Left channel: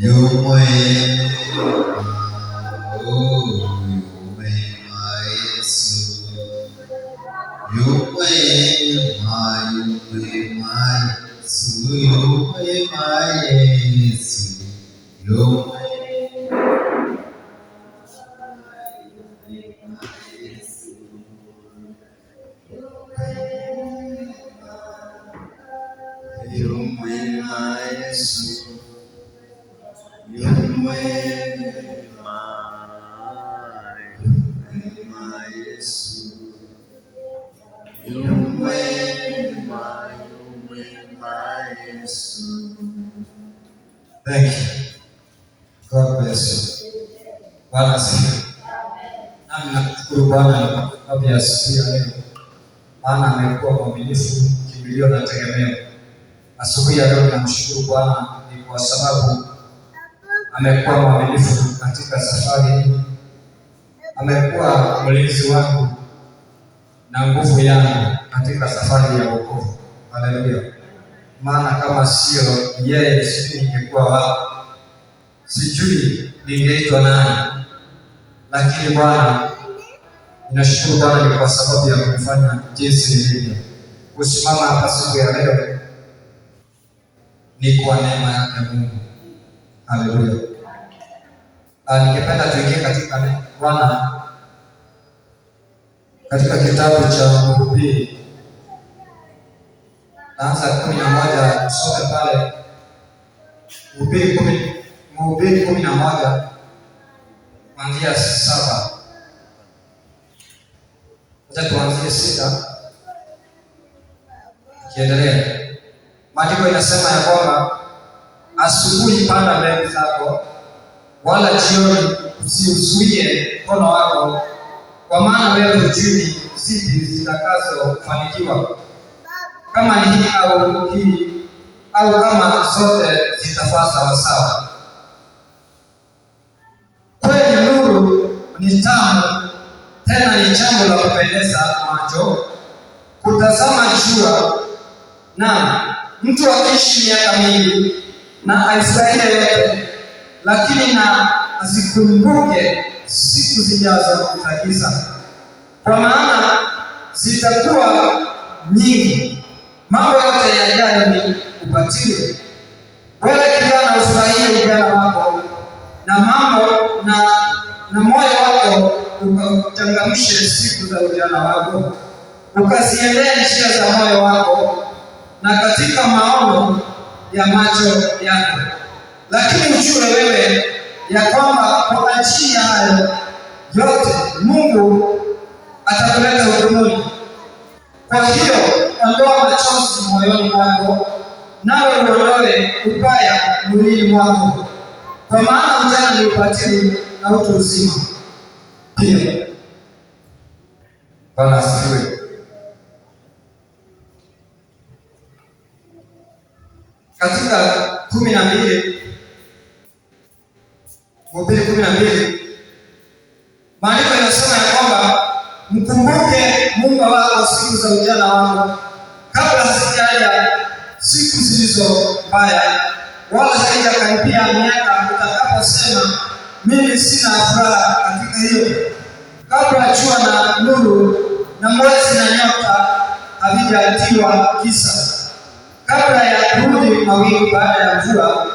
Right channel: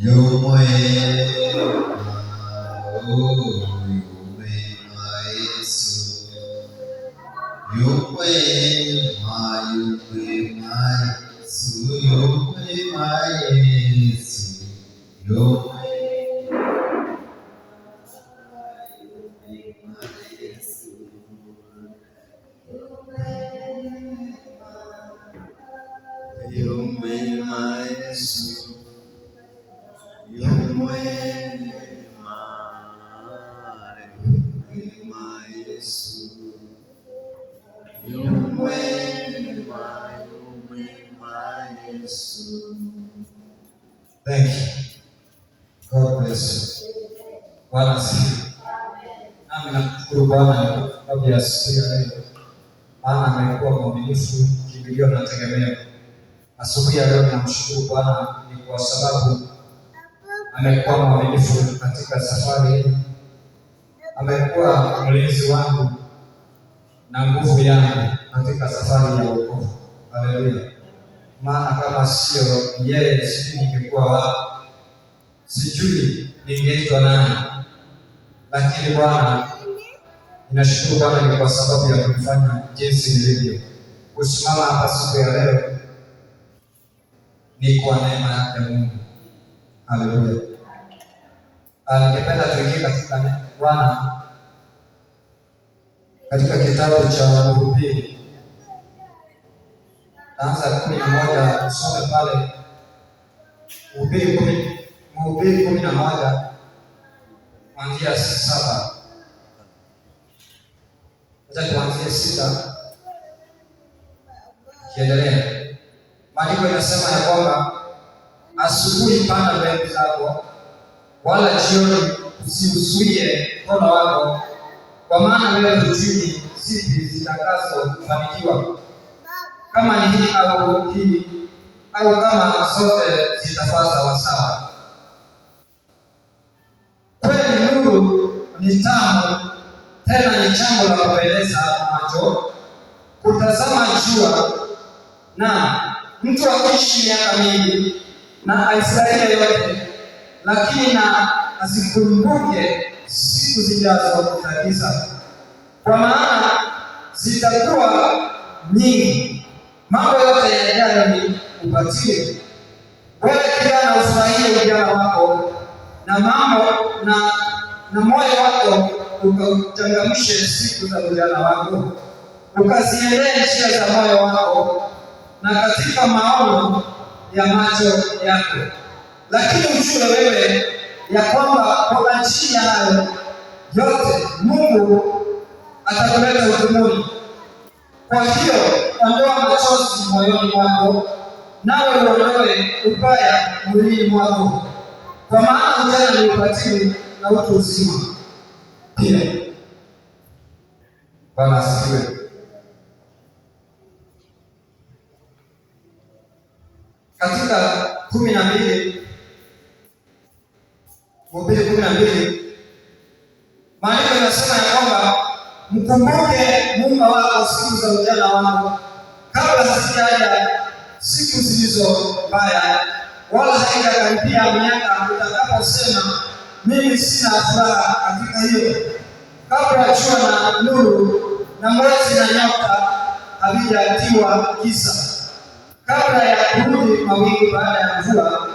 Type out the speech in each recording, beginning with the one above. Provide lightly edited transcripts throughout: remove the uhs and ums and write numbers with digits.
yu mwema, yu mwema Yesu, yu mwema, yu mwema Yesu, yu mwema Yesu, yu mwema. Yu mwema Yesu, yu mwema, mwema Yesu, yu mwema, mwema Yesu. Thank you. God bless you. Bwana asifiwe. Nami nakushukuru Bwana kwa sababu ya siku ya leo. Maana amekuwa mwaminifu, kimbilio na tegemeo. Asubuhi ya leo namshukuru Bwana ni kwa sababu amekuwa mwaminifu katika safari hii. Amekuwa mlinzi wangu na nguvu yangu katika safari ya wokovu. Haleluya. Maana kama sio yeye, sijui ningekuwa wapi, sijui ningeitwa nani. Lakini Bwana, ninashukuru Bwana kwa sababu ya kunifanya jinsi nilivyo. Kusimama hapa siku ya leo ni kwa neema yake Mungu. Haleluya. Ningependa tuingie katika Bwana katika kitabu cha Mhubiri. Naanza 11 tusome pale Mhubiri 11 kuanzia 7. Acha tuanzie 6. Kiendelea. Maandiko inasema ya kwamba asubuhi panda mbegu zako, wala jioni usiuzuie mkono wako, kwa maana wewe hujui zipi zitakazofanikiwa, kama ni hii au hii, au kama zote zitafaa sawasawa. Kweli nuru ni tamu, tena ni jambo la kupendeza macho kutazama jua, na mtu akiishi miaka mingi na aifurahie yote, lakini na asikumbuke siku zijazo za giza, kwa maana zitakuwa nyingi. Mambo yote yajayo ni ubatili. Wewe kijana, ufurahie ujana wako na mambo na moyo wako ukauchangamshe siku za ujana wako, ukaziendee njia za moyo wako na katika maono ya macho yako. Lakini ujue wewe ya kwamba kwa ajili ya hayo yote Mungu atakuleta hukumuni. Kwa hiyo ondoa machozi moyoni mwako, nawe uondoe ubaya mwilini mwako, kwa maana ujana ni ubatili na utu uzima pia. Bwana asifiwe. Katika 12 Mhubiri 12 maandiko yanasema ya kwamba mkumbuke Mungu wako siku za ujana wako, kabla hazijaja siku zilizo mbaya, wala haijakaribia miaka utakaposema mimi sina furaha katika hiyo, kabla jua na nuru na mwezi na nyota havijatiwa giza, kabla ya kurudi mawingu baada ya mvua,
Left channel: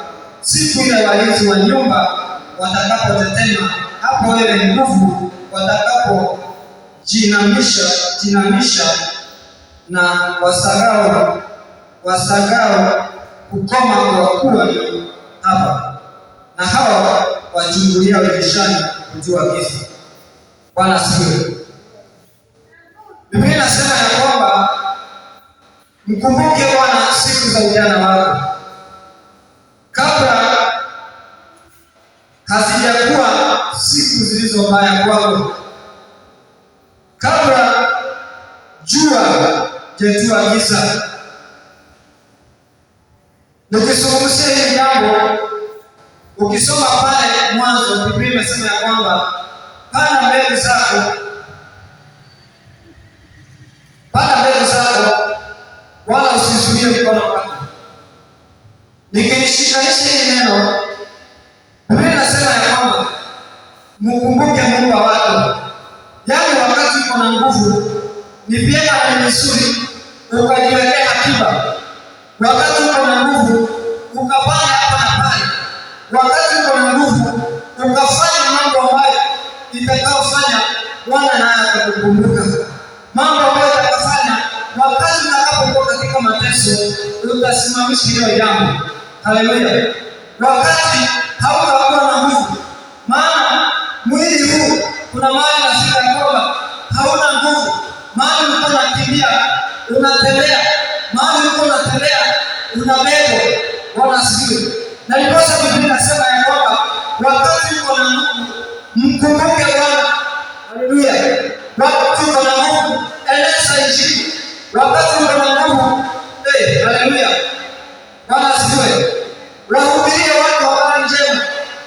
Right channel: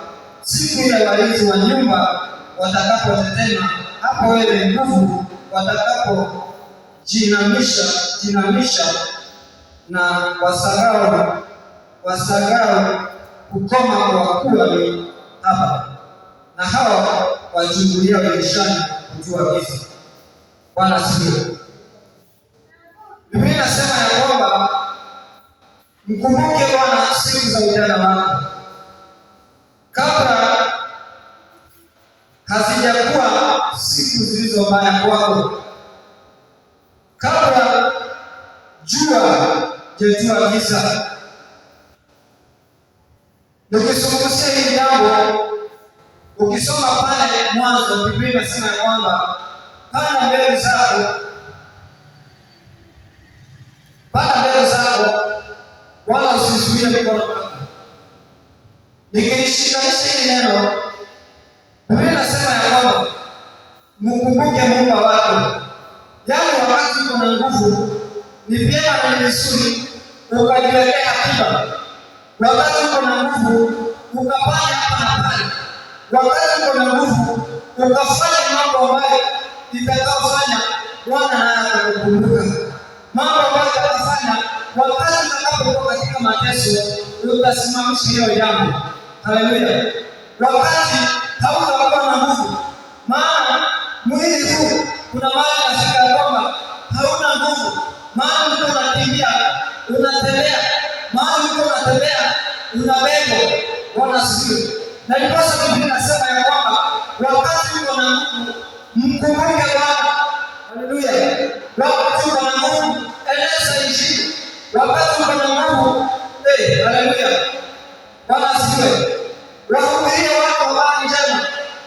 siku ile walinzi wa nyumba watakapotetema, hapo wewe nguvu watakapojinamisha na wasagao kukoma, kwa kuwa ni hapa na hawa wachungulia dirishani kujua giza. Bwana asifiwe. Biblia inasema ya kwamba mkumbuke Bwana siku za ujana wako, kabla hazijakuwa siku zilizo mbaya kwako, kabla jua jetua giza. Nikizungumzia hili jambo, ukisoma pale Mwanzo, Biblia inasema ya kwamba panda mbegu zako, wala usizuie mkono wako. Nikilishikanisha hili neno mkumbuke Mungu wako. Yaani wakati uko na nguvu, ni vyema na ni vizuri ukajiwekea akiba. Wakati uko na nguvu, ukafanya hapa na pale. Wakati uko na nguvu, ukafanya mambo ambayo itakayofanya Bwana naye atakukumbuka. Mambo ambayo utakafanya wakati utakapokuwa katika mateso, utasimamisha hiyo jambo. Haleluya. Wakati hautakuwa na nguvu, maana mwili huu kuna mahali nafika kwamba hauna nguvu, mahali uko unakimbia, unatembea, mahali uko unatembea, unabebwa. Bwana asifiwe. Na ndiposa Biblia inasema ya kwamba wakati uko na nguvu, mkumbuke Bwana. Haleluya. Wakati uko na nguvu, eleza Injili. Wakati uko na nguvu, haleluya. Bwana asifiwe. Wahubirie watu habari njema,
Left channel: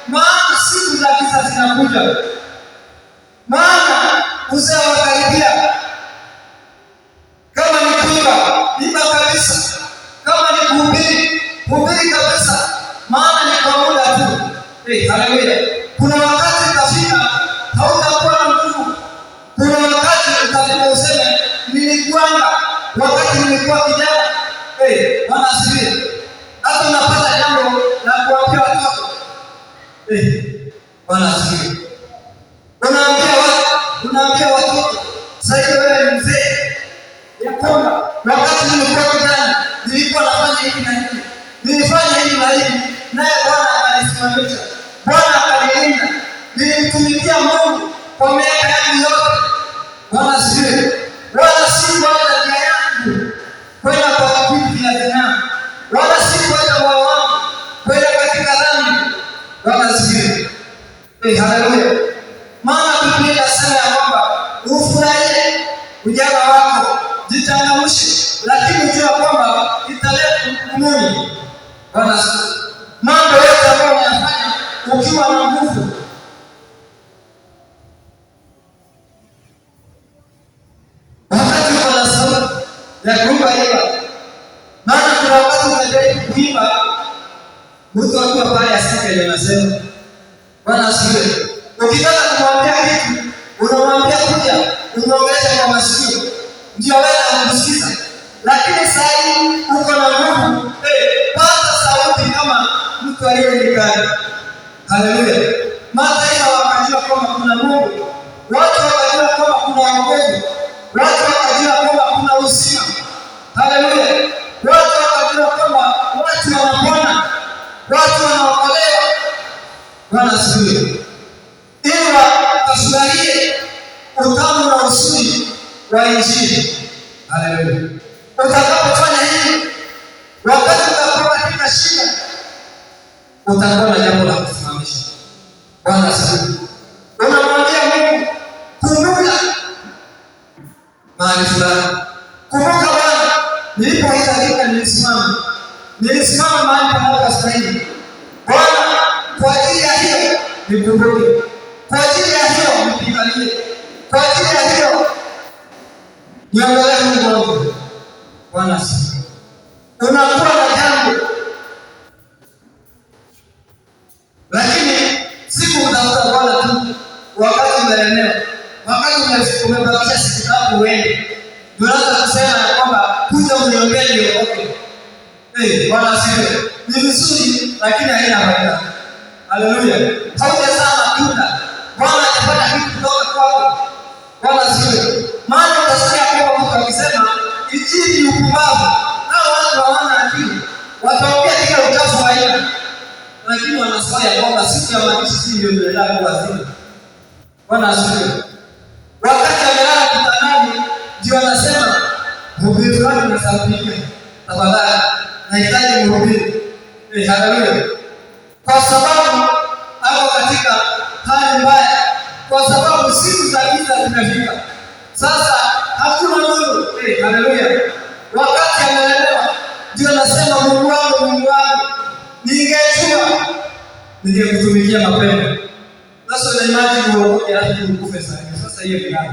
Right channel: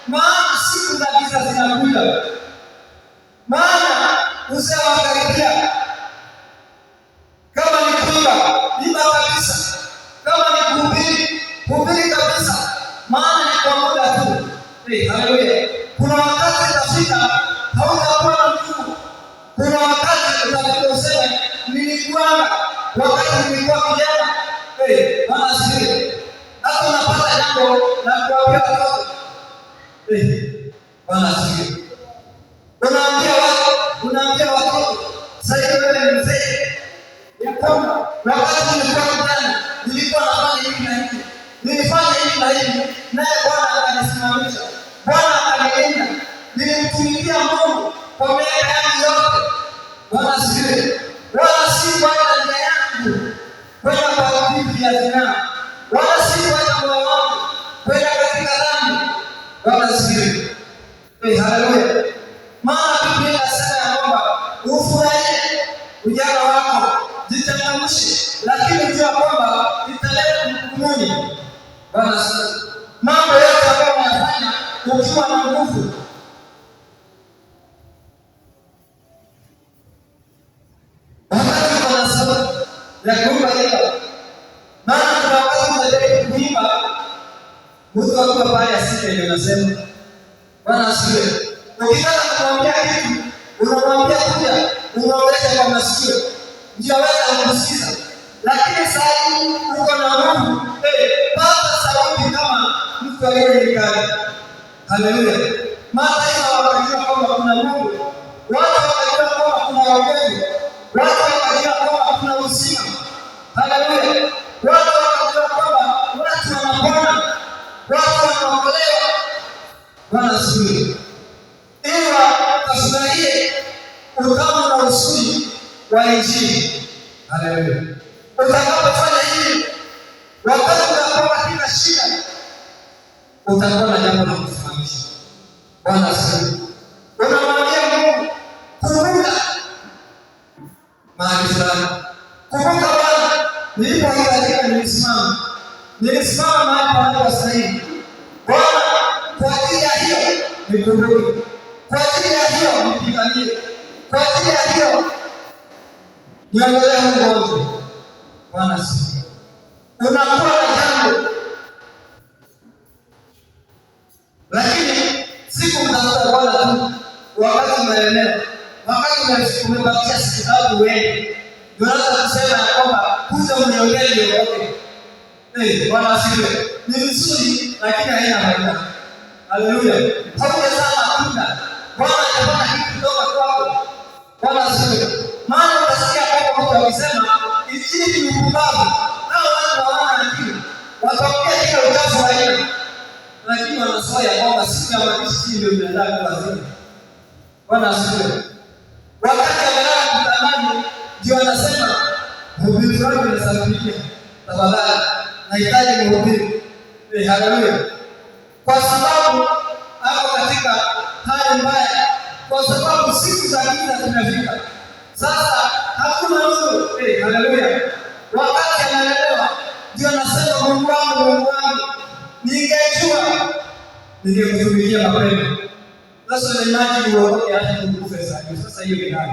maana siku za giza zinakuja, maana uzee wakaribia. Kama ni kuimba, imba kabisa. Kama ni kuhubiri, hubiri kabisa, maana ni kwa muda tu. Haleluya. Kuna wakati utafika hautakuwa na nguvu. Kuna wakati utafika useme nilikuanga wakati nilikuwa kijana. Bwana asifiwe. Hata unapata jambo la kuambia watoto. Bwana asifiwe. Unaambia watoto, sasa wewe ni mzee, ya kwamba wakati nilikuwa kijana nilikuwa nafanya hivi na hivi, nilifanya hivi na hivi, naye Bwana akanisimamisha, Bwana akanilinda, nilimtumikia Mungu kwa miaka yangu yote. Bwana asifiwe. Wala sikuacha njia yangu kwenda kwa vitu vya zinaa, wala sikuacha moyo wangu kwenda katika dhambi. Bwana asifiwe. Haleluya. Maana Biblia inasema ya kwamba ufurahie ujana wako, jichangamshe, lakini ujue kwamba italeta hukumuni. Bwana asifiwe. Mambo yote ambayo unayafanya ukiwa na nguvu, wakati uko na sauti ya kuimba imba. Maana kuna wakati unajaribu kuimba, mtu akiwa pale asike ndio anasema. Bwana asifiwe. Ukitaka kumwambia kitu, unamwambia kuja, unaongelesha kwa masikio, ndio aweze kukusikiza. Lakini sasa hivi uko na nguvu, pata sauti kama mtu aliyenikana. Haleluya. Mataifa wakajua kwamba kuna Mungu, watu wakajua kwamba kuna wokovu, watu wakajua kwamba kuna uzima. Haleluya. Watu wakajua kwamba watu wanapona, watu wanaokolewa. Bwana asifiwe. Ila tafurahie utamu na uzuri wa Injili. Haleluya. Utakapofanya hivi, wakati utakuwa katika shida, utakuwa na jambo la kusimamisha. Bwana asifiwe. Unamwambia Mungu, kumbuka mahali fulani. Kumbuka Bwana, nilipohitajika nilisimama mahali panapostahili. Bwana, kwa ajili ya hiyo nikumbuke. Kwa ajili ya hiyo nipiganie. Kwa ajili ya hiyo niondolee Mungu wangu. Bwana asifiwe. Unakuwa na jambo, lakini siku utafuta Bwana tu wakati umeelemewa, wakati umebakisha siku tatu uende, ndio unaanza kusema ya kwamba kuja uniombee niokoke. Bwana asifiwe. Ni vizuri lakini haina faida. Haleluya. Haujazaa matunda, Bwana atapata kitu kutoka kwako. Bwana asifiwe. Maana utasikia kwamba mtu akisema Injili ni upumbavu, hao watu hawana akili, wataongea kila uchafu haina, lakini wanasema ya kwamba siku ya mazishi ndio inaenda kwa wazima. Bwana asifiwe. Wakati amelala kitandani ndio anasema mhubiri fulani nasafiria, tafadhali nahitaji mhubiri. Haleluya. Kwa sababu hapo katika hali mbaya, kwa sababu siku za giza zimefika. Sasa hakuna nuru. Haleluya. Wakati ameelewa ndio anasema Mungu wangu, ningejua ningekutumikia mapema. Sasa ile imani uokoke hadi ukufe sasa. Sasa hiyo ni nani?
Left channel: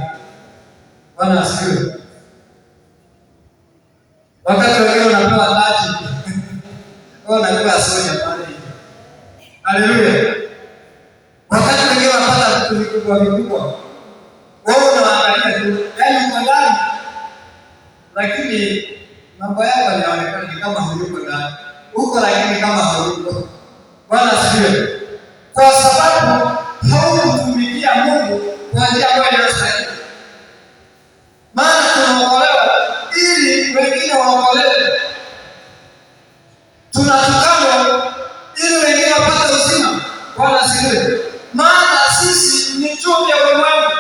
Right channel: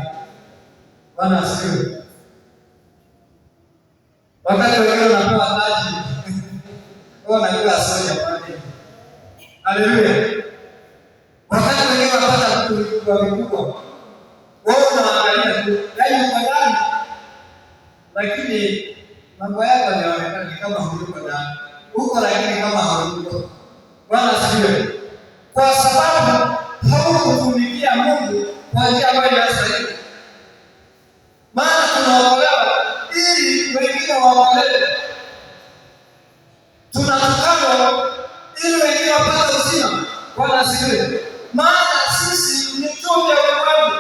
Bwana asifiwe. Wakati wewe unapewa taji, wewe unakuwa soja pale. Haleluya. Wakati wewe unapata kutumikia vikubwa vikubwa. Wewe unaangalia tu, yaani uko ndani, lakini mambo yako yanaonekana kama hayuko ndani. Uko lakini kama hayuko. Bwana asifiwe. Kwa sababu haukutumikia Mungu kwa njia ambayo inastahili. Maana tunaokolewa ili wengine waokolewe. Tunatukanwa ili wengine wapate uzima. Bwana asifiwe. Maana sisi ni chumvi ya ulimwengu.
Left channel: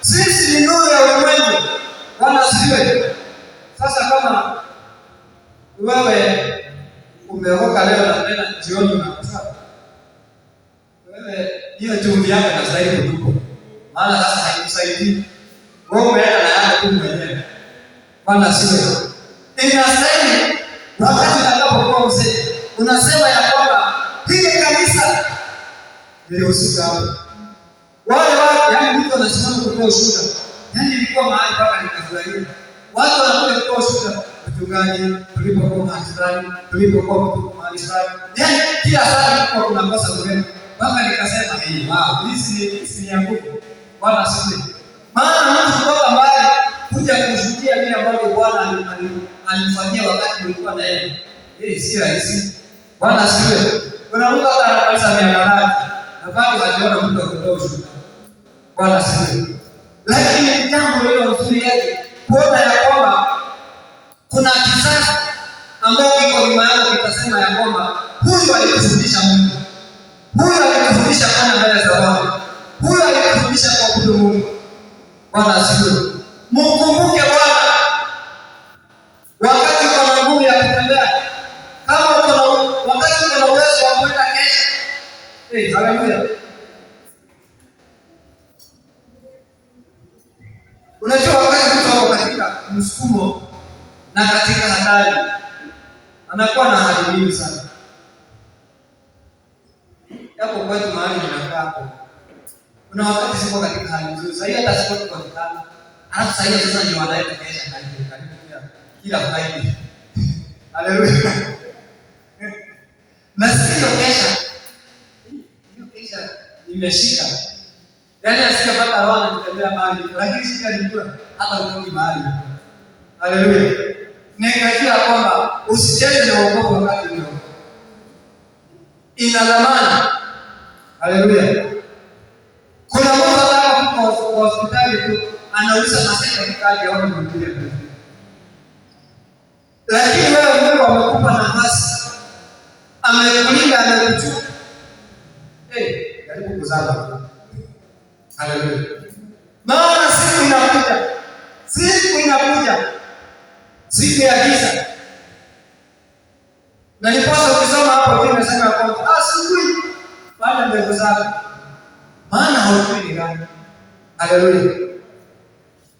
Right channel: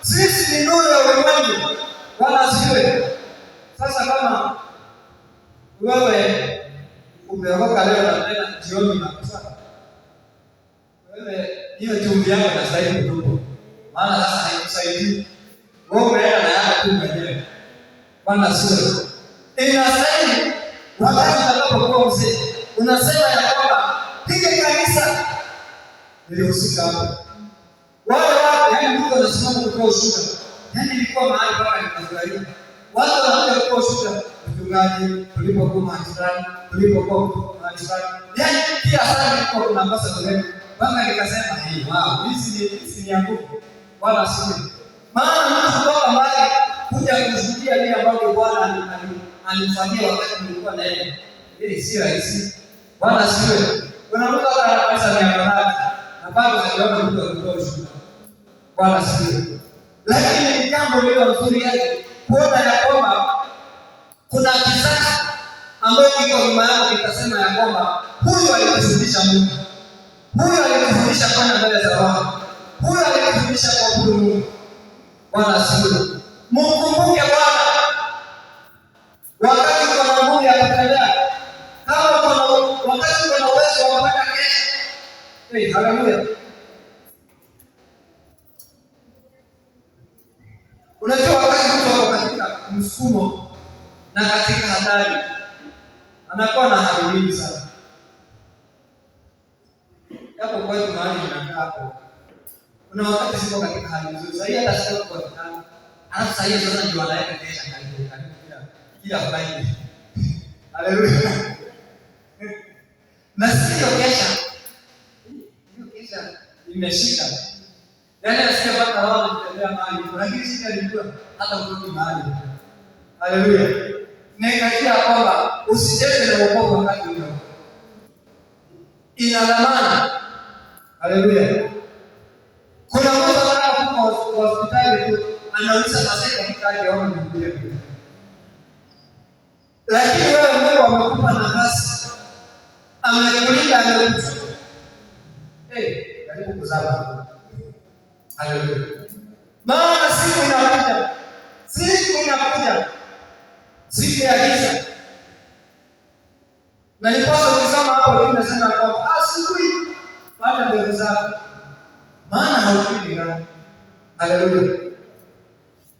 Sisi ni nuru ya ulimwengu. Bwana asifiwe. Sasa kama wewe umeruka leo na tena jioni unakufa, wewe hiyo chumvi yako inastahili kutupwa. Maana sasa haikusaidii. Wewe umeenda na yako tu mwenyewe. Bwana asifiwe. Inastahili wakati utakapokuwa mzee unasema ya kwamba hili kanisa lilihusika hapo. Yaani mtu anasimama kutoa ushuhuda. Yaani ilikuwa mahali mpaka nikafurahia. Watu wanakuja kutoa ushuhuda, mchungaji, tulipokuwa mahali fulani, tulipokuwa mahali fulani. Yaani kila saa kulikuwa kuna kosa kulema. Mpaka nikasema wow, hii ni ya nguvu. Bwana asifiwe. Maana mtu kutoka mbali kuja kushuhudia kile ambacho Bwana alimfanyia wakati nilikuwa na yeye. Hii si rahisi. Bwana asifiwe. Kuna mtu hata anaweza miaka na bado hajaona mtu akitoa ushuhuda. Bwana asifiwe. Lakini jambo hilo nzuri yake kuona ya kwamba kuna kizazi ambao kiko nyuma yao kitasema ya kwamba huyu alikufundisha Mungu. Huyu alikufundisha kwenda mbele za Bwana. Huyu alikufundisha kuabudu Mungu. Bwana asifiwe. Mkumbuke Bwana wakati uko na nguvu ya kutembea. Kama uko na wakati uko na uwezo wa kwenda kesho. Haleluya. Unajua wakati mtu ako katika msukumo na katika hatari, anakuwa na hali nyingi sana. Hapo kwetu mahali ninakaa hapo, kuna wakati siko katika hali nzuri. Sasa hiyo hata siko kwa kitanda. Alafu sasa hiyo sasa ndio wanaenda kesha kila Friday. Haleluya. Na sio kesha. Hiyo kesha imeshika. Yaani asiyepata hawana kutembea mahali, lakini shida ni kwa hata utoki mahali. Haleluya. Nikakia kwamba usicheze na wokovu wakati ule. Ina dhamana. Haleluya. Kuna mtu anapokuwa kwa hospitali tu anauliza maseka mkaje aone Biblia. Lakini wewe Mungu amekupa nafasi. Amekulinda, amekuchukua. Karibu kuzama. Haleluya. Maana siku inakuja. Siku ya giza. Na nipaswa kusoma hapo kimesema kwamba asubuhi panda mbegu zako. Maana haujui ni gani. Haleluya.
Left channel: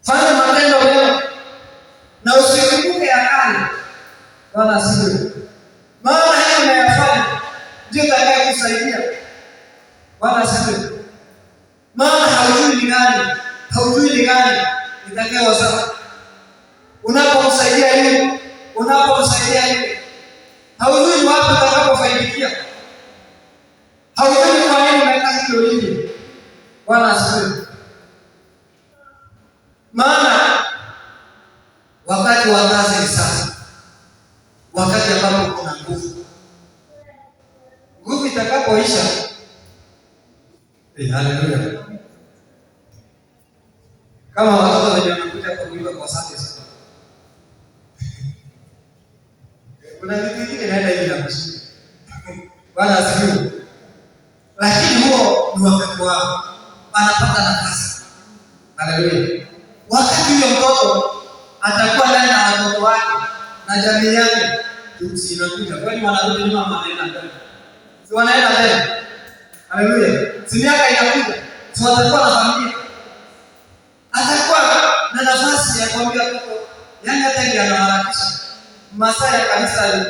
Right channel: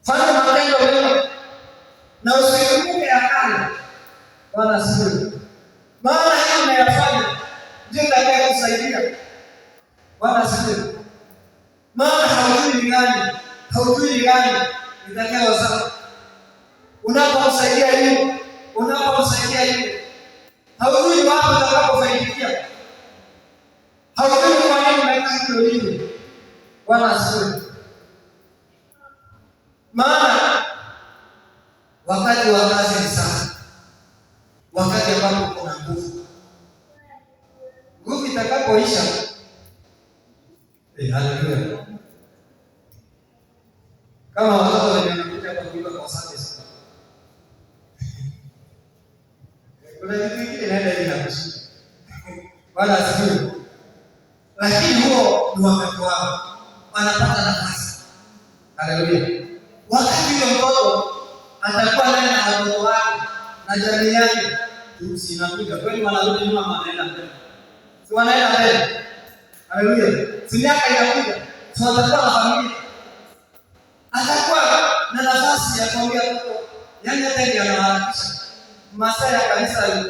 Fanya matendo mema na usikumbuke ya kale. Bwana asifiwe. Maana hiyo unayofanya ndio itakayokusaidia. Bwana asifiwe. Maana haujui ni gani itakayo sasa. Unapomsaidia yule, haujui wapi utakapofaidia. Haujui kwa nini umekaa hiyo hiyo. Bwana asifiwe. Maana wakati wa kazi ni sasa. Wakati ambapo kuna nguvu. Nguvu itakapoisha. Haleluya. Kama watoto wenye wanakuja kuimba kwa Sunday school. Kuna vitu vingi naenda hivi na kushinda. Bwana asifiwe. Lakini huo ni wakati wao. Anapata nafasi. Haleluya. Wakati huyo mtoto atakuwa ndani na watoto wake na jamii yake, tunakuja. Kwani wanarudi nyuma ama wanaenda mbele? Si wanaenda mbele. Haleluya. Si miaka inakuja. Si watakuwa na familia. Atakuwa na nafasi ya kuambia watoto, yaani hata ndio anaharakisha. Masaa ya kanisa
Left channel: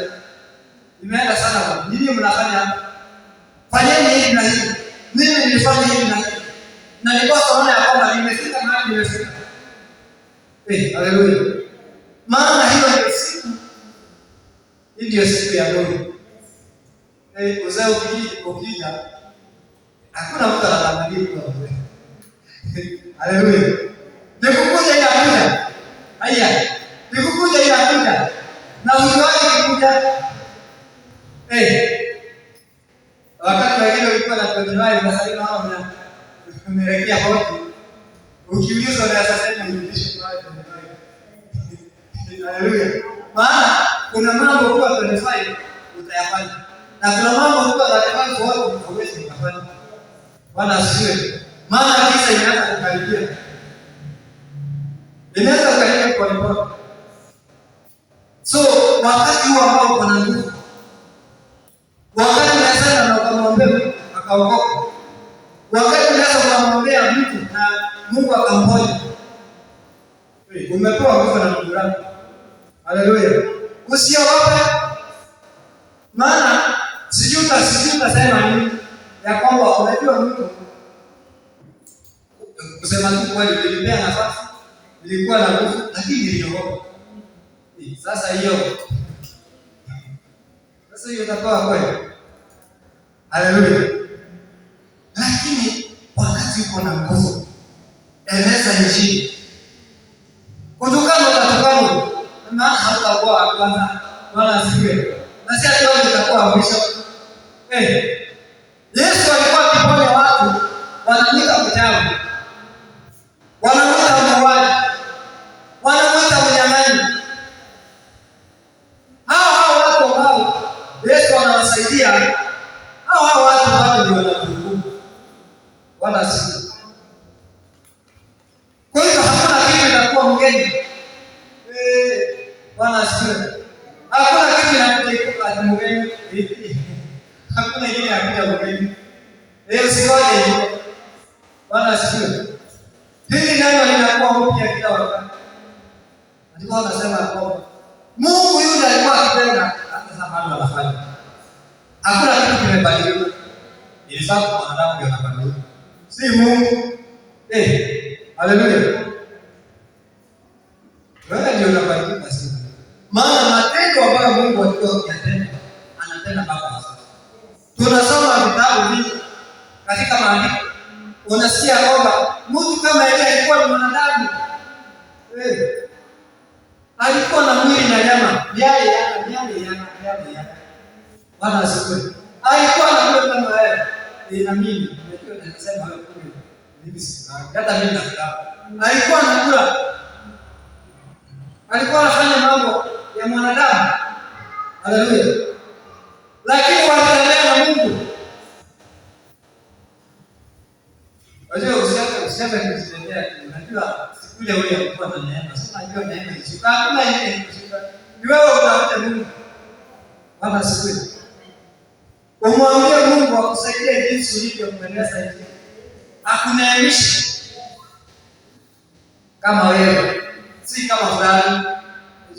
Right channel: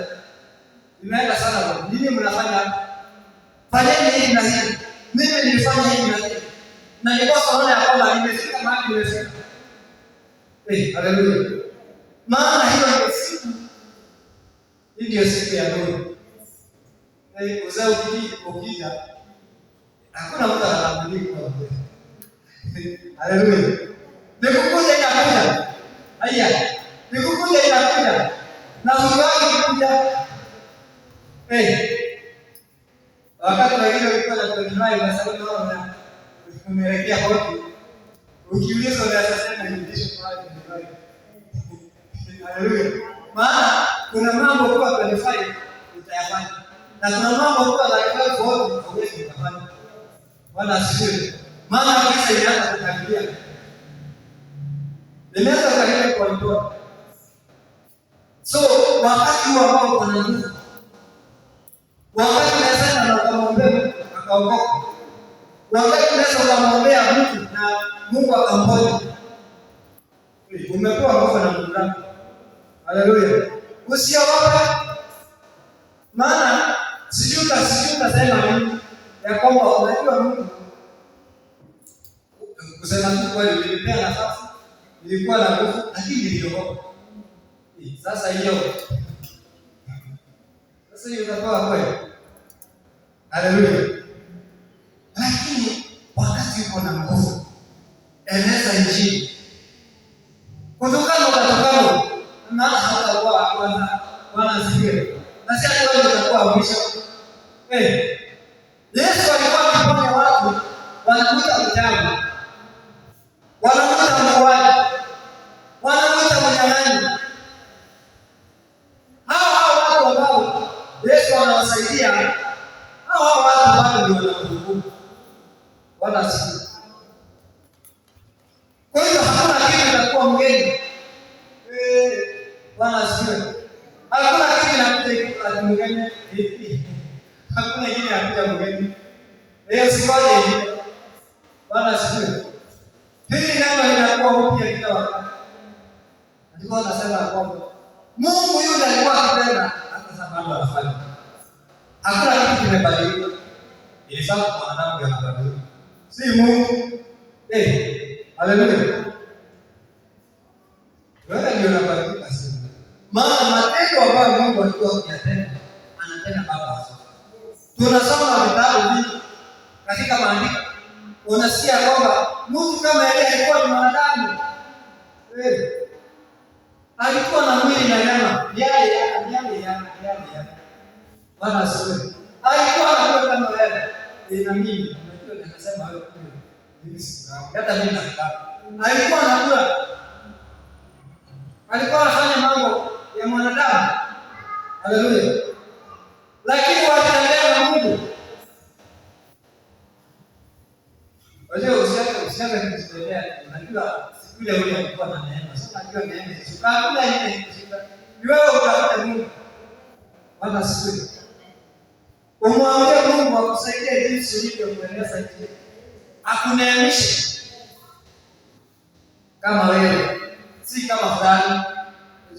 limeenda sana. Nini mnafanya hapa? Fanyeni hivi na hivi. Mimi nilifanya hivi na hivi. Na nilikuwa naona ya kwamba nimefika mahali nimefika. Haleluya. Maana hiyo ndio siku. Hii ndio siku ya nuru. Uzao ukija hakuna mtu anadhamini kwa wewe. Haleluya. Nikukuja inakuja. Haya. Nikukuja inakuja. Na unawahi kuja. Wakati wengine walikuwa na kujiwahi unasema hao na umerekea hofu. Ukiulizwa na sasa hivi haleluya. Maana kuna mambo kwa kanifai utayafanya. Na kuna mambo kwa kanifai kwa watu hawezi kufanya. Bwana asifiwe. Maana kisa inaanza kukaribia. Inaanza kukaribia kwa nipoti. So, wakati huo ambao kuna nguvu. Wakati unasema na kumwombea Mungu akaokoka. Wakati unasema kumwombea mtu na Mungu akamponya. Umepewa nguvu na Mungu wako. Haleluya. Usiogope. Maana sijui utasema nini ya kwamba unajua Mungu. Kusema tu kweli nilipea nafasi. Nilikuwa na nguvu lakini niliogopa. Sasa hiyo utakuwa kweli. Haleluya. Lakini wakati uko na nguvu, eleza Injili. Kutokana unatukano, maana hautakuwa kwanza, Bwana asifiwe. Na si ati utakuwa mwisho. Yesu alikuwa akiponya watu, wanamuita mchawi. Wanamuita muuaji. Wanamuita mnyang'anyi. Hao watu ambao Yesu anawasaidia, hao watu bado ndio wanakuhukumu. Bwana asifiwe. Kwa hiyo hakuna kitu kinakuwa mgeni. Bwana asifiwe. Hakuna kitu kinakuja mgeni. Hakuna kitu kinakuja mgeni. Leo siwaje hiyo. Bwana asifiwe. Hili neno linakuwa mpya kila wakati. Alikuwa anasema kwamba Mungu yule alikuwa akipenda hata sababu anafanya. Hakuna kitu kimebadilika. Ilifaa kwa wanadamu ndio anabadilika. Si Mungu. Haleluya. Wewe ndio unabadilika sasa. Maana matendo ambayo Mungu alikuwa akiyatenda, anatenda baba sasa. Tunasoma vitabu vingi katika maandiko. Unasikia kwamba mtu kama yeye alikuwa ni mwanadamu. Alikuwa na mwili na nyama. Yeye. Bwana asifiwe. Alikuwa anakula kama wewe. Na mimi ndio nasema wewe kule. Mimi sikutaka. Hata mimi nataka. Alikuwa anakula. Alikuwa anafanya mambo ya mwanadamu. Haleluya. Lakini wanatembea na Mungu. Unajua usianze kujitetea. Unajua siku ile wewe ulikuwa na neema. Sasa unajua neema hiyo. Hakuna ile kushinda. Ni wewe utafuta Mungu. Bwana asifiwe. Umwambie Mungu akusaidie jinsi ulivyompendeza yeye. Akuneemishe kama wewe, si kama fulani.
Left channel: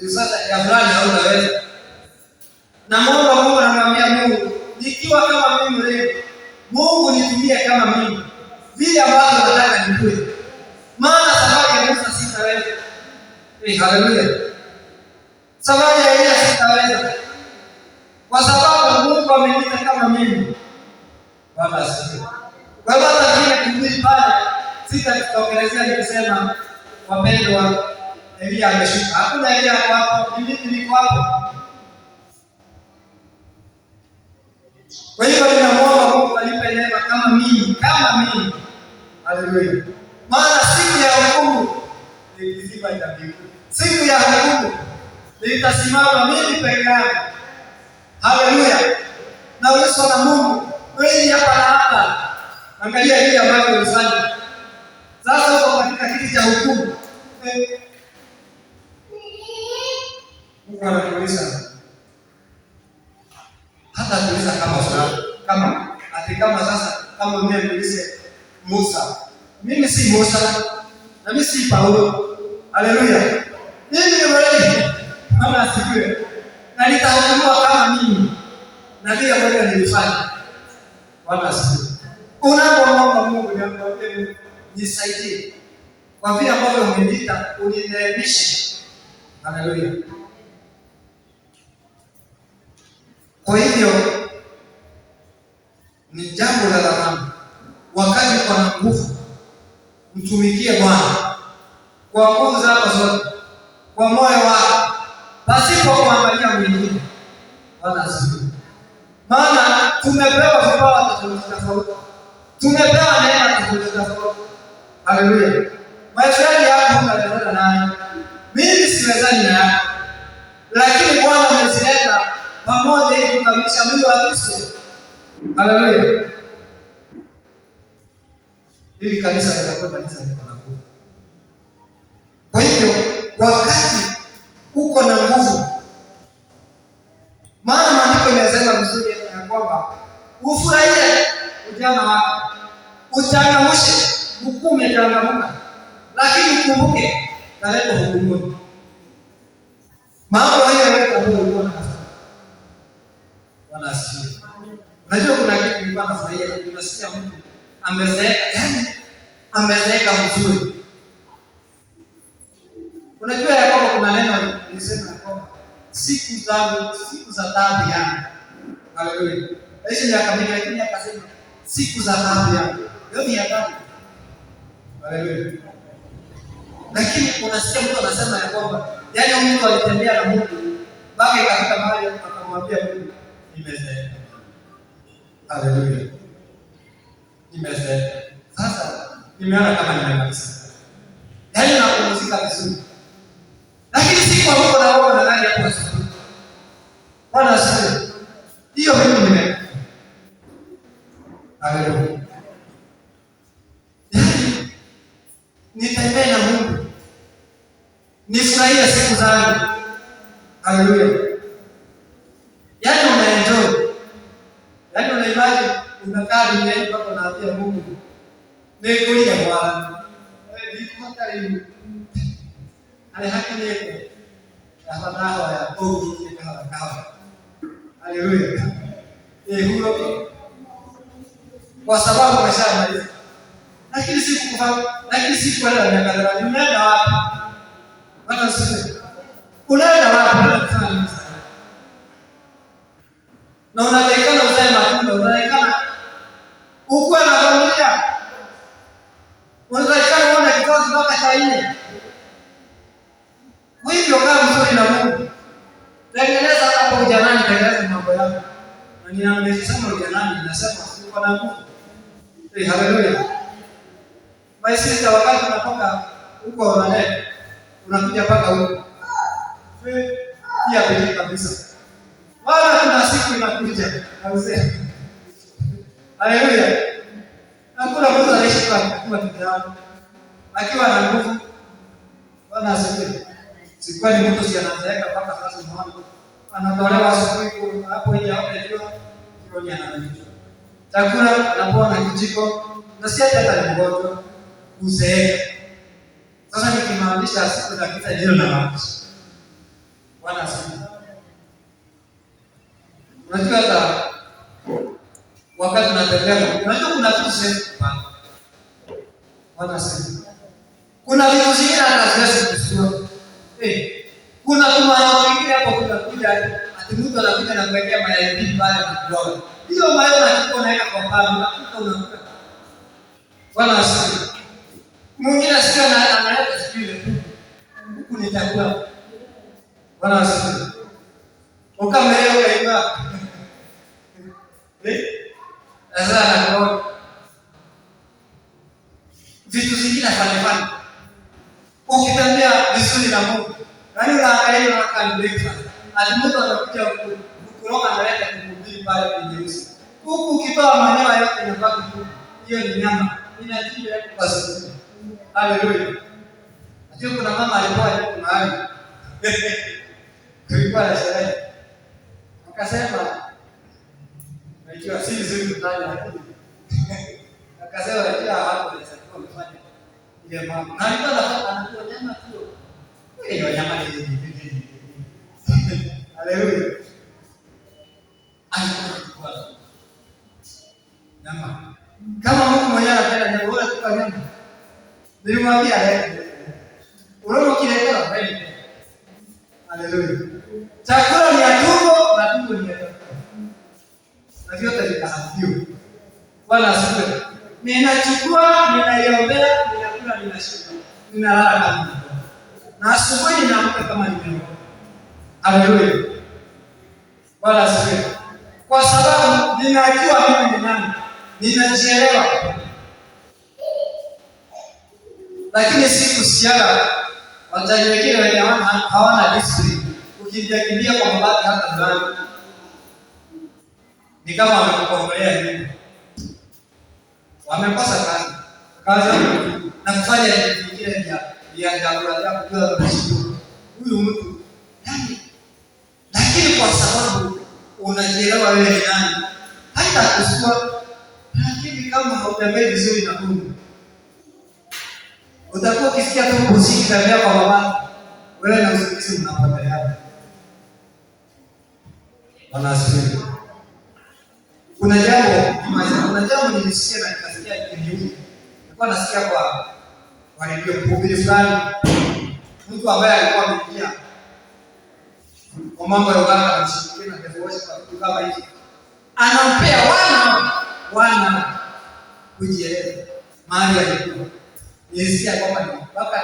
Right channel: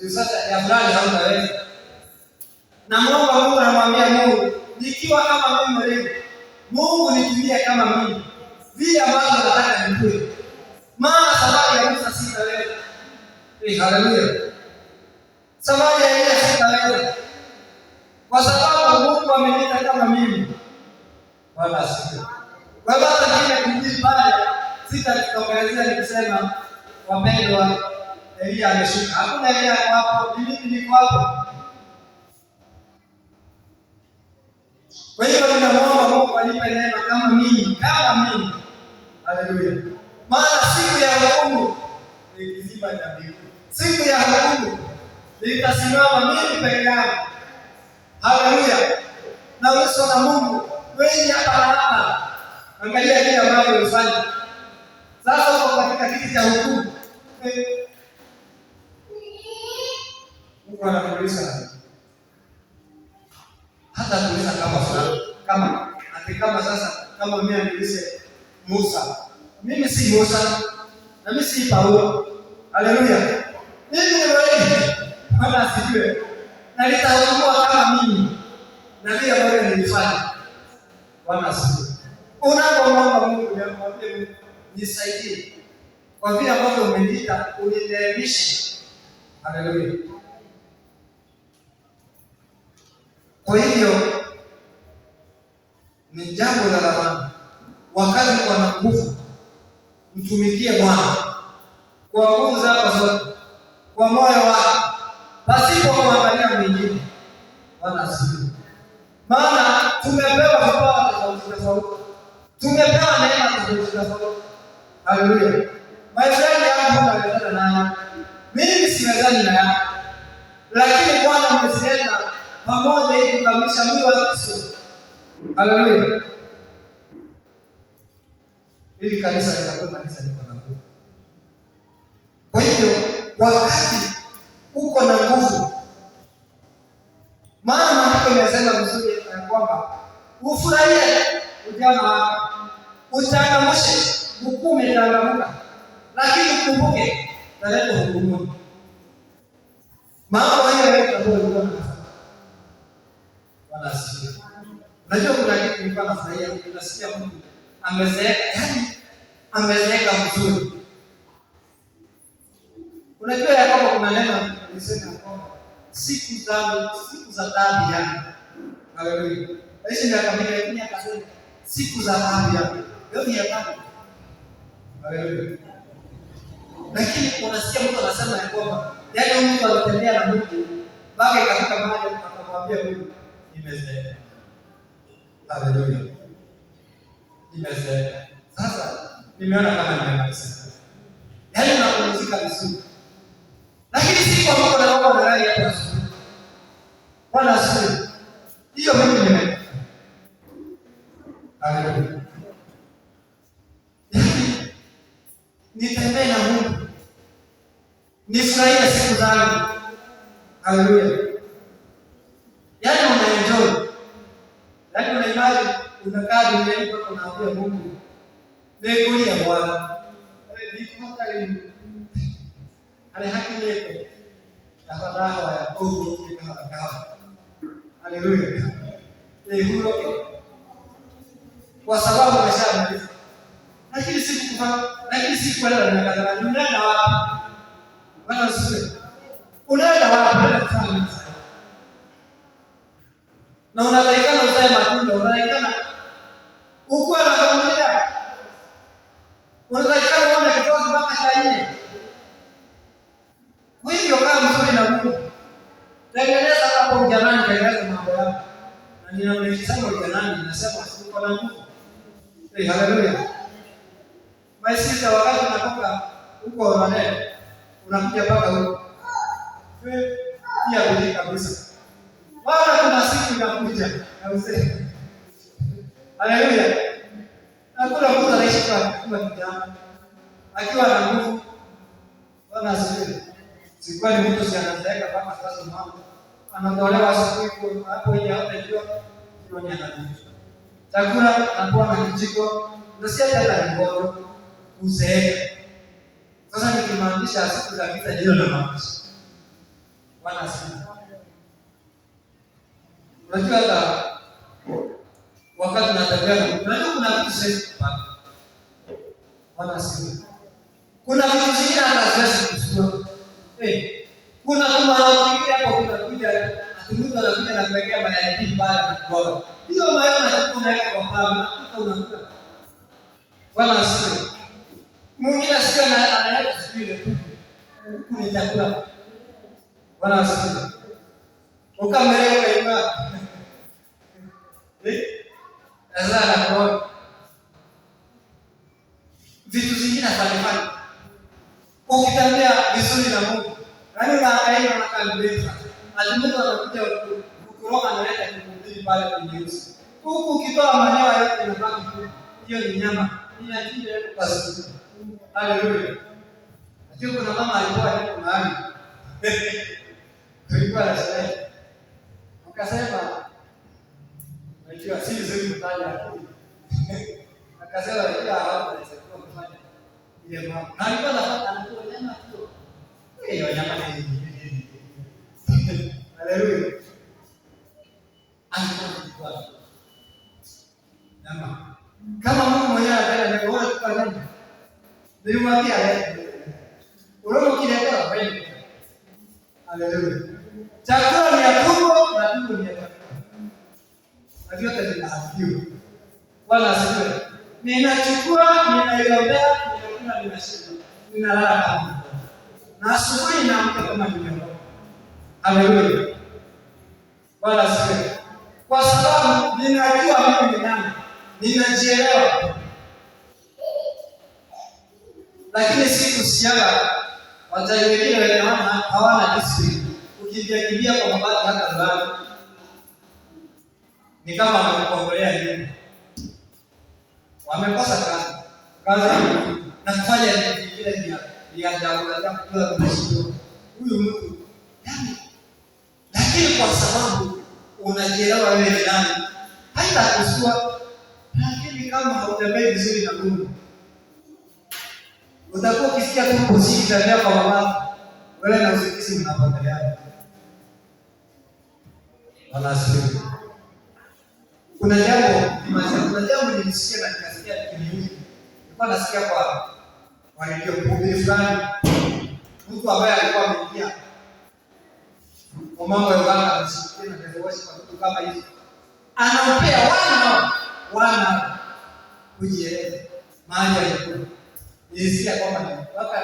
Sasa ya fulani haunaweza. Na Mungu anamwambia Mungu, nikiwa kama mimi leo, Mungu nitumie kama mimi. Vile ambavyo nataka nijue. Maana sababu ya Musa sitaweza. Haleluya. Sababu ya Elia sitaweza. Kwa sababu Mungu ameniita kama mimi. Bwana asifiwe. Kwa sababu hata kile kuhubiri pale sitakutokelezea nikisema wapendwa Elia ameshuka. Hakuna Elia hapo, niko hapo. Kwa hiyo tunamwomba Mungu anipe neema kama mimi. Haleluya. Maana siku ya hukumu ni kiziba cha mbingu. Siku ya hukumu nitasimama mimi peke yangu. Haleluya. Na uso na Mungu. Wewe hapa na hapa. Angalia kile ambacho ulifanya. Sasa uko katika kiti cha hukumu. Mungu anakuuliza. Hata kuuliza kama fulani. Kama sasa kama mimi niulize Musa. Mimi si Musa. Na mimi si Paulo. Haleluya. Mimi ni wewe. Bwana asifiwe. Na nitahukumiwa kama mimi. Na vile ambavyo nilifanya. Bwana asifiwe. Unapomwomba Mungu niambie Mungu nisaidie. Kwa vile ambavyo umeniita unineemishe. Haleluya. Kwa hivyo ni jambo la dhamana. Wakati kwa nguvu mtu mtumikie Bwana kwa nguvu zako zote, kwa moyo wako, pasipo kuangalia mwingine. Bwana asifiwe. Maana tumepewa vipawa tofauti tofauti, tumepewa neema tofauti tofauti. Haleluya. Maishani yangu unaleta nayo, mimi siwezani nayo, lakini Bwana amezileta pamoja ili kukamilisha mwili wa Kristo. Haleluya. Ili kanisa litakuwa kanisa liko na nguvu. Kwa hivyo wakati uko na nguvu, maana maandiko yanasema vizuri ya kwamba ufurahie ujana wako, uchangamshe, ukume changamuka, lakini ukumbuke naleta hukumuni. Mambo haya yote ambayo ulikuwa unafanya. Bwana asifiwe. Unajua kuna kitu nilikuwa nafurahia, unasikia mtu amezeeka, yani amezeeka mzuri. Unajua ya kwamba kuna neno nilisema kwamba siku za taabu yangu. Haleluya. Aishi miaka mingi lakini akasema siku za taabu yangu. Hiyo ni habari. Haleluya. Lakini unasikia mtu anasema ya kwamba yaani mtu alitembea na Mungu mpaka ikafika mahali akamwambia Mungu nimezeeka. Haleluya. Nimezeeka. Sasa nimeona kama nimemaliza. Yaani napumzika vizuri. Lakini siku ambapo naomba na gari hapo asubuhi. Bwana asifiwe. Hiyo mimi nimeka. Haleluya. Yaani nitembee na Mungu. Nifurahie siku zangu. Haleluya. Yaani unaenjoy. Yaani unaimagine unakaa duniani mpaka unaambia Mungu nikulia Bwana. Wewe niko hata leo. Haki yako. Afadhali ya Mungu kikawa. Haleluya. Huyo kwa sababu umeshamaliza. Lakini sikuelewa miaka 30. Unaenda wapi? Bwana asifiwe. Unaenda wapi? Na unaonekana kusema matunda, unaonekana uko na familia. Unaonekana una kitoto kutoka China. Kwa hivyo kama mzuri na Mungu, tengeneza hapo ujanani, tengeneza mambo yako. Na ninasema ujanani, nasema uko na Mungu. Haleluya. Basi wakati unatoka huko Orlando, unakuja mpaka huko. Pia bidii kabisa. Maana kuna siku inakuja na uzee. Haleluya. Hakuna mtu anaishi kwa kijana akiwa na nguvu. Bwana asifiwe. Sikuwa ni mtu anazeeka mpaka sasa mwana. Anatolewa asubuhi hapo nje hapo ndio kironya na vitu. Chakula anapoa na kijiko na si hata mgonjwa uzeeka. Sasa nikimaanisha siku za kisa ndio na mambo. Bwana asifiwe. Unajua hata wakati unatembea, unajua kuna vitu sana. Bwana asifiwe. Kuna vitu zingine hata kusikia. Kuna tumaini kingine hapo kunakuja ati mtu anakuja na kuwekea mayai pale na kuoga. Hiyo mayai unachukua naeka kwa pale unakuta. Bwana asifiwe. Mwingine sikia na analeta sikile tu. Huku ni chakula. Bwana asifiwe. Ukameelewa hiyo. Sasa kwa vitu zingine fanya. Ukitembea vizuri na Mungu, yaani unaangalia na kanisa. Alimuta anakuja kukuroga na leta kukuhubiri pale kwenye uso. Huku ukitoa manyoya yote yanabaki tu. Hiyo ni nyama. Inajili yako kwa sababu. Haleluya. Ndio kuna mama alikuwa hapo mahali. Tulikuwa na sherehe. Akasema aikiwa si vizuri kutaja lakini. Akasema aikiwa hapo anasema amefanya ile mambo. Na alikuwa anakula nyama tu. Hiyo nyama ni haleluya. Alikuwa nyama. Kama Mungu mwenyewe anapenda jambo lolote kwa nini? Nilimwambia unaona kileta mbele. Haleluya. Chakula ni ya tumbo na tumbo ni ya roho. Na vyote vikahafiwa. Bwana asifiwe. Ninachukua, ninaiombea, ninakula ninalala kama na asubuhi naamka kama nimeokoka. Haleluya. Bwana asifiwe. Kwa sababu ninajua mimi ni nani. Ninajielewa. Lakini si kusiana watajiri wengine wenye hawana discipline. Ukimbia kwa mbali hata ndani. Ni kama wamekukombolea hivi. Wamekosa kazi na kufanya vingine vya kujua kunashukuru huyu mtu yani, lakini kwa sababu unajielewa wewe ni nani, hata kusua. Lakini kama hautembei vizuri na Mungu, utakuwa ukisikia tu kusiki tabia kwa mama, wewe na usingizi mnapoteleana. Wanasikia kuna jambo nilisikia na nikasikia kiniuni. Nilikuwa nasikia kwa redio mhubiri fulani, mtu ambaye alikuwa ameingia kwa mambo ya uganga na mshirikina na devotion na vitu kama hivi, anampea wana kujieleza mahali alikuwa. Nilisikia kwamba ni mpaka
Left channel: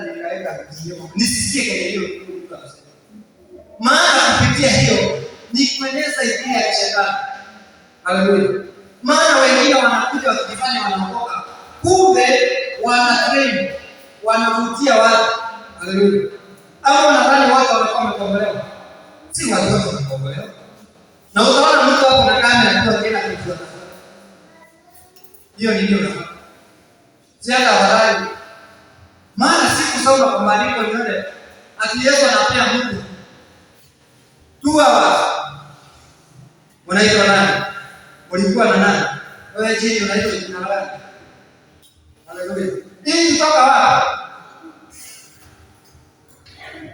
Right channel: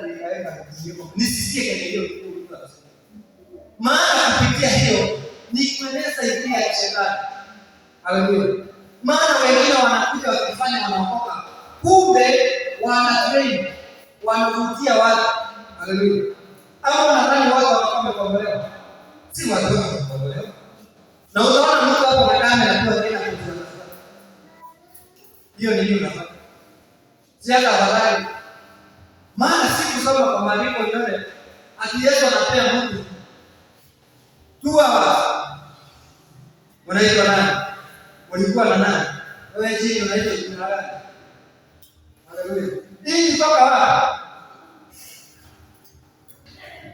nikaweka video nisisikie kile hiyo mtu anasema, maana kupitia hiyo ni kueneza idea ya shetani. Haleluya. Maana wengine wanakuja wakifanya wanaokoka, kumbe wana train, wanavutia watu. Haleluya. Au wanadhani watu wanakuwa wamekombolewa. Si watu wote wamekombolewa. Na utaona mtu hapo na kamera tu akienda kujua. Hiyo ni nini? Si hata habari. Maana si kusoma kwa maandiko yote. Ati Yesu anapea mtu 2 hours. Unaitwa nani? Ulikuwa na nani? Wewe chini unaitwa jina gani? Haleluya. Hii kutoka wapi?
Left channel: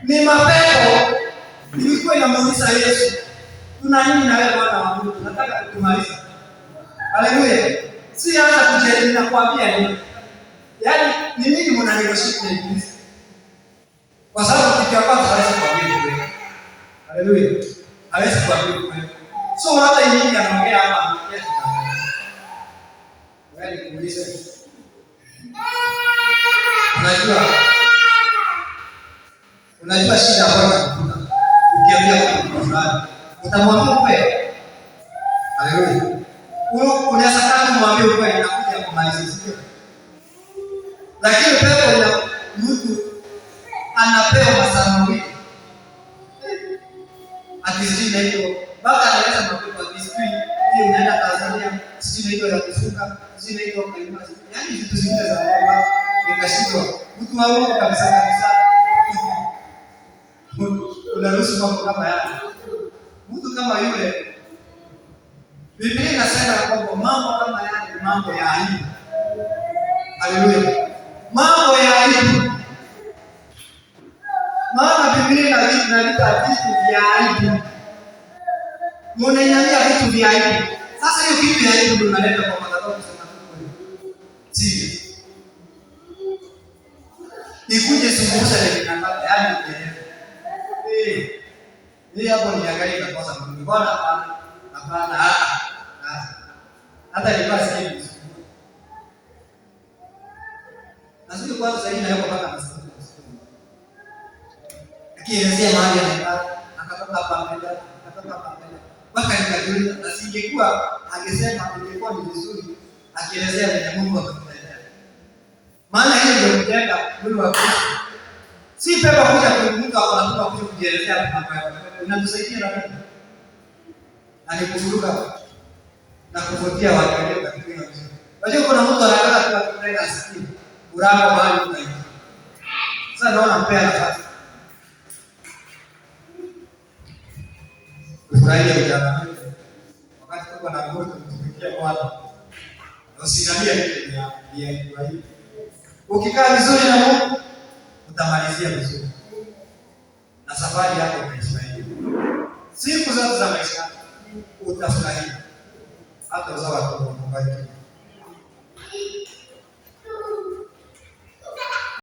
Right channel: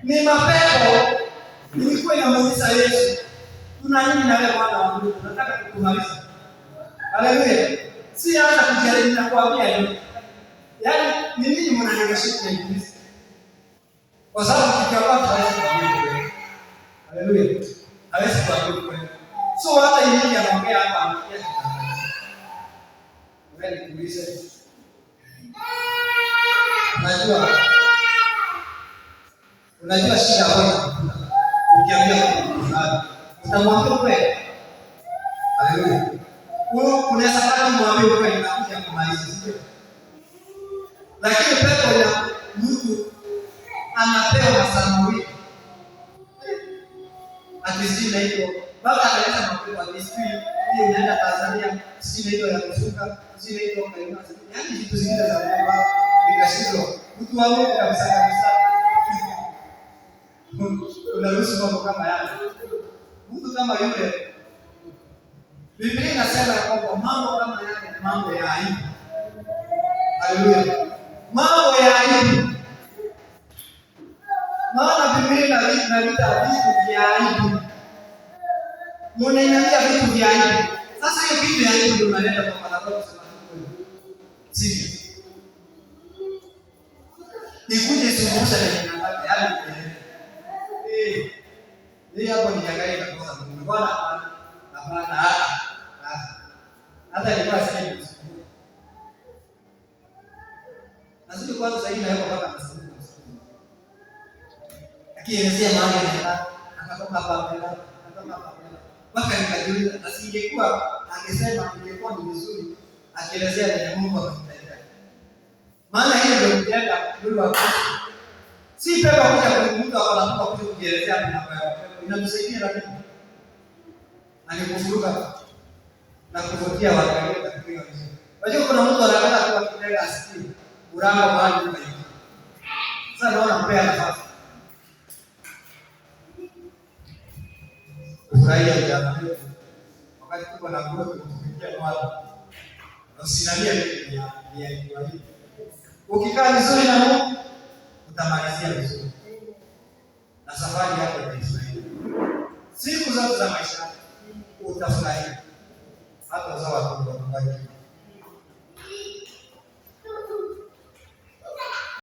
Ni mapepo. Nilikuwa namuuliza Yesu, tuna nini na wewe Bwana wa Mungu? Nataka kutumaliza. Haleluya. Si hata kujaribu na kuambia nini. Yaani ni nini mnaniwashika na Ibilisi? Kwa sababu kikiwa hawezi kuambia kweli. Haleluya. Hawezi kuambia kweli. So hata yeye anaongea hapa anaongea kitu. Wewe kuuliza. Unajua shida hapo ukiambia kwa fulani. Utamwambia kweli. Haleluya. Unaweza kama mwambie kweli na kuja kumaliza sio? Lakini pepo ina mtu anapewa masaa mawili. Akisina hiyo baba anaweza mapepo akisui hiyo unaenda Tanzania, sina hiyo ya kusuka, sina hiyo kwa imani. Yaani vitu zingine za Mungu nikashindwa. Mtu wa Mungu kabisa. Unaruhusu mambo kama yale. Mtu kama yule Biblia inasema kwamba mambo kama yale ni mambo ya aibu. Haleluya. Mambo ya aibu. Maana Biblia inaleta vitu vya aibu. Mnainamia vitu vya aibu. Sasa hiyo kitu ya aibu ndio unaleta kwa madhabahu kusema kweli. Serious. Nikuje sungusha na ninapata yani ni hapo niangalie kwa sababu Mungu Bwana hapana hata ni basi hivi. Nasije kwanza sasa hivi na hapo mpaka nasema. Akielezea mahali akatoka hapa mbele. Mpaka nikajiuliza asingekuwa angesema ingekuwa ni vizuri akielezea vile Mungu ametendea. Maana hiyo ndio mtenda mwili wa Kristo. Si pepo kuja kuinuka au na kuja kujielezea mambo yako. Inatusaidia na nini? Alikufuruka na kuvutia watu walio katika hiyo njia. Unajua kuna mtu anataka tu kupenda asikie. Urao bali unaita. Sasa naona mpea nafasi. Ufurahie ujana wako. Wakati tuko na nguvu tutumikie kwa watu. Usinambia vitu vya hivi. Ukikaa vizuri na Mungu utamalizia vizuri. Na safari yako itaisaidia. Siku zote za maisha utafurahia. Hata uzao wako